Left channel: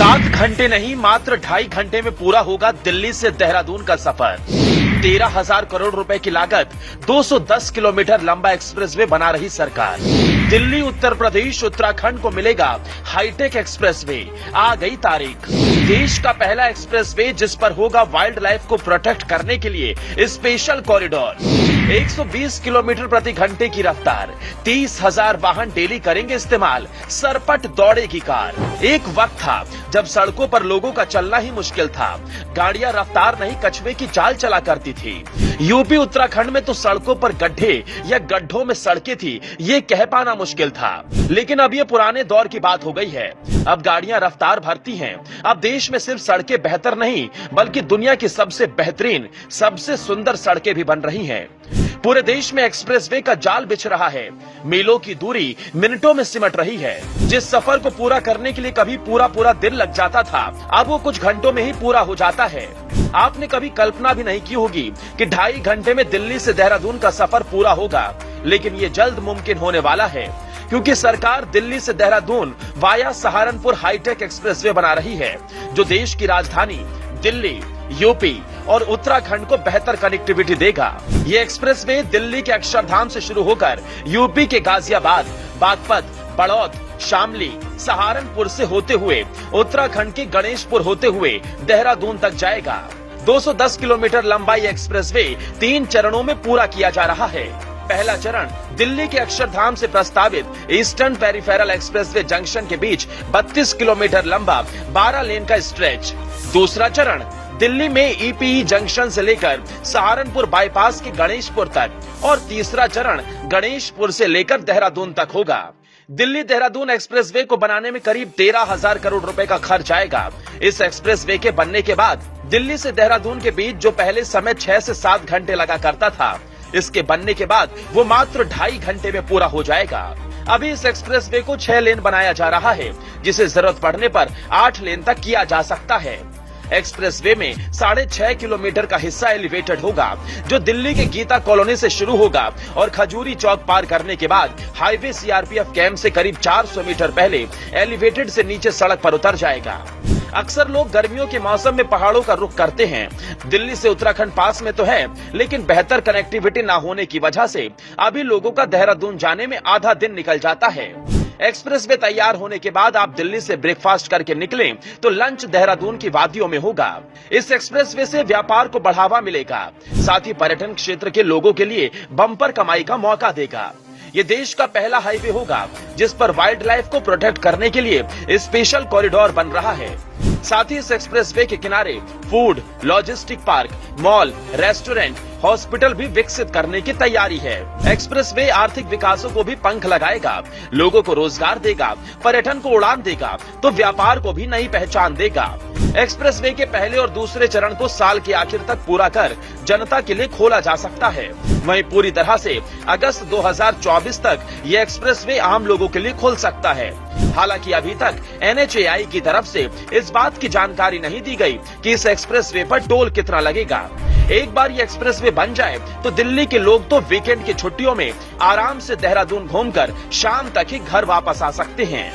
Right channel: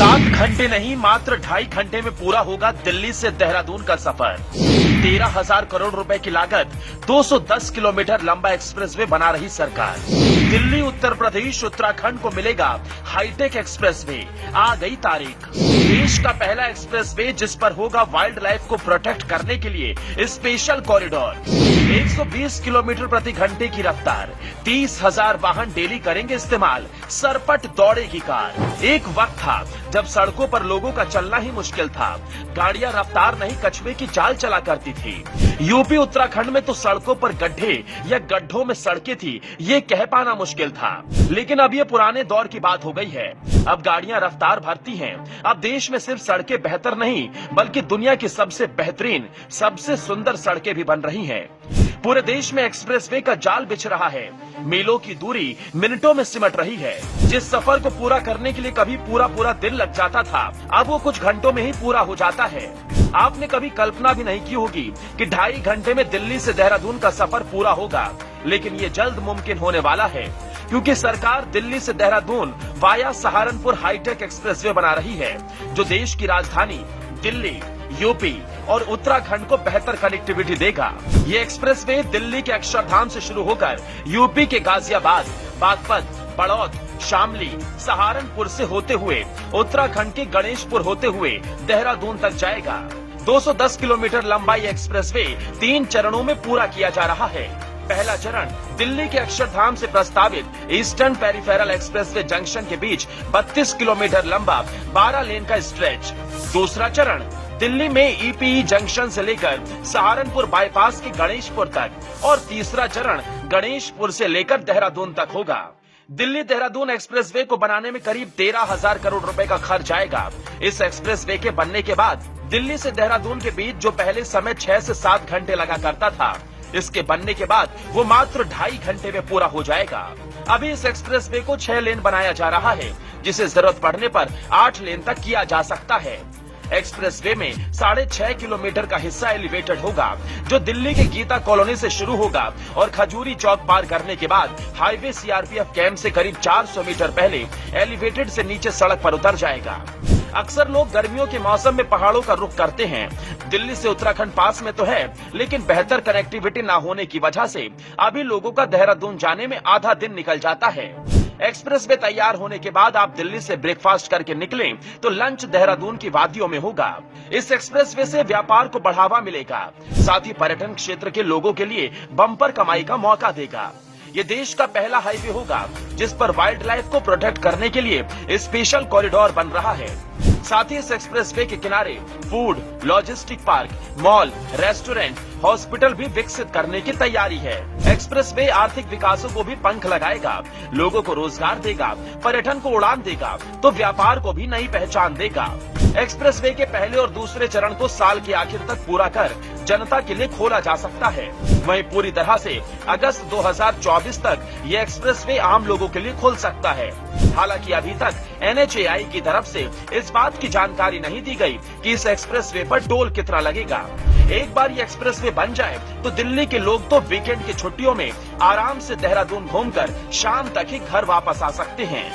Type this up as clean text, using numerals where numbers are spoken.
7 घंटे नहीं, मात्र 2.5 घंटे में पूरा होगा दिल्ली से देहरादून का सफर। 13,000 करोड़ रुपए की लागत 210 किलोमीटर लंबा एक्सप्रेसवे बना रही सरकार। दिल्ली, उत्तर प्रदेश, उत्तराखंड को मिलेगा हाईटेक एक्सप्रेसवे। आ गई तारीख। देश का पहला एक्सप्रेसवे जिस पर होगा वाइल्ड लाइफ को प्रोटेक्ट करने के लिए स्पेशल कॉरिडोर। 120 किलोमीटर प्रति घंटे की रफ्तार, 30,000 वाहन डेली करेंगे इस्तेमाल। सरपट दौड़ेगी कार। एक वक्त था जब सड़कों पर लोगों का चलना ही मुश्किल था। गाड़ियां रफ्तार नहीं, कछुए की चाल चला करती थी। यूपी, उत्तराखंड में तो सड़कों पर गड्ढे या गड्ढों में सड़कें थी, ये कह पाना मुश्किल था। लेकिन अब ये पुराने दौर की बात हो गई है। अब गाड़ियां रफ्तार भरती हैं। अब देश में सिर्फ सड़कें बेहतर नहीं, बल्कि दुनिया की सबसे बेहतरीन, सबसे सुंदर सड़कें भी बन रही हैं। पूरे देश में एक्सप्रेसवे का जाल बिछ रहा है। मीलों की दूरी मिनटों में सिमट रही है। जिस सफर को पूरा करने के लिए कभी पूरा दिन लग जाता था, अब वो कुछ घंटों में ही पूरा हो जाता है। आपने कभी कल्पना भी नहीं की होगी कि 2.5 घंटे में दिल्ली से देहरादून का सफर पूरा होगा, लेकिन ये जल्द मुमकिन होने वाला है, क्योंकि सरकार दिल्ली से Dehradun via Saharanpur hitech expressway बना रही है, जो देश की राजधानी दिल्ली, यूपी और उत्तराखंड को बेहतर कनेक्टिविटी देगा। ये एक्सप्रेसवे दिल्ली के अक्षरधाम से शुरू होकर यूपी के गाजियाबाद, बागपत, बड़ौद, शामली, सहारनपुर से होते हुए उत्तराखंड के गणेशपुर होते हुए देहरादून तक जाएगा। 210 किलोमीटर लंबा ये एक्सप्रेसवे 3 चरणों में पूरा किया जा रहा है। पहला चरण दिल्ली के अक्षरधाम से प्रस्तावित ईस्टर्न पेरिफेरल एक्सप्रेसवे जंक्शन के बीच 32 किलोमीटर लंबा 12 लेन का स्ट्रेच। दूसरा चरण दिल्ली में ईपीई जंक्शन से लेकर सहारनपुर बाईपास के गणेशपुर तक, और तीसरा चरण गणेशपुर से लेकर देहरादून तक होगा। दिल्ली देहरादून एक्सप्रेसवे को बनाने में करीब 13,000 करोड़ रुपए का खर्च आएगा। इस एक्सप्रेसवे के बनने के बाद दिल्ली से देहरादून के बीच जो पहले समय 6 से 7 घंटे लगा करता था, इसके बनने के बाद वो मात्र 2.5 घंटे में पूरा हो जाएगा। अभी इस एक्सप्रेसवे को 6 लेन बनाया जा रहा है, जिसे जरूरत पड़ने पर 8 लेन तक किया जा सकता है। एक्सप्रेसवे में 6.5 किलोमीटर का हिस्सा एलिवेटेड होगा, जो दिल्ली के गीता कॉलोनी से शुरू होगा और खजूरी चौक पार करने के बाद हाईवे सीआरपीएफ कैंप से करीब 400 मीटर पहले एलिवेटेड से नीचे सड़क पर उतर जाएगा। अक्सर लोग गर्मियों के मौसम में पहाड़ों का रुख करते हैं। दिल्ली से उत्तराखंड पास में तो है, लेकिन बेहतर कनेक्टिविटी न होने की वजह से अभी लोगों का देहरादून जाने में आधा दिन निकल जाता है। एक्सप्रेसवे तैयार होने के बाद आप दिल्ली से ब्रेकफास्ट करके निकलें तो लंच देहरादून की वादियों में होगा। इस एक्सप्रेसवे से व्यापार को बढ़ावा मिलेगा, साथ ही पर्यटन क्षेत्र के लोगों के लिए बम्पर कमाई का मौका देगा। ये देश का पहला हाईवे होगा जिस पर वाइल्ड लाइफ को प्रोटेक्ट करने के लिए स्पेशल कॉरिडोर बन रहा है। साथ ही इस एक्सप्रेसवे के किनारे food, logistic park, mall, restaurant, hospital भी विकसित करने की तैयारी है। एक्सप्रेसवे आर्थिक विकासों को भी पंख लगाएगा, लोगों को रोजगार देगा, पर्यटन को उड़ान देगा, तो व्यापार को भी नई पहचान देगा। एक्सप्रेसवे के पहले और दूसरे चरण को साल के आखिर तक पूरा कर जनता के लिए खोला जा सकता है। वहीं पूरी तरह से अगस्त 2024 तक ये एक्सप्रेसवे आम लोगों के लिए खुल सकता है। हालांकि अभी तक NHAI की तरफ से इस बात की जानकारी नहीं दी गई कि इस एक्सप्रेसवे पर टोल कितना लगेगा। एक बार ये एक्सप्रेसवे बन जाए तो दिल्ली के लोग तो वीकेंड की छुट्टियों में आराम से देहरादून घूमकर शाम तक ही घर वापस आ सकते हैं।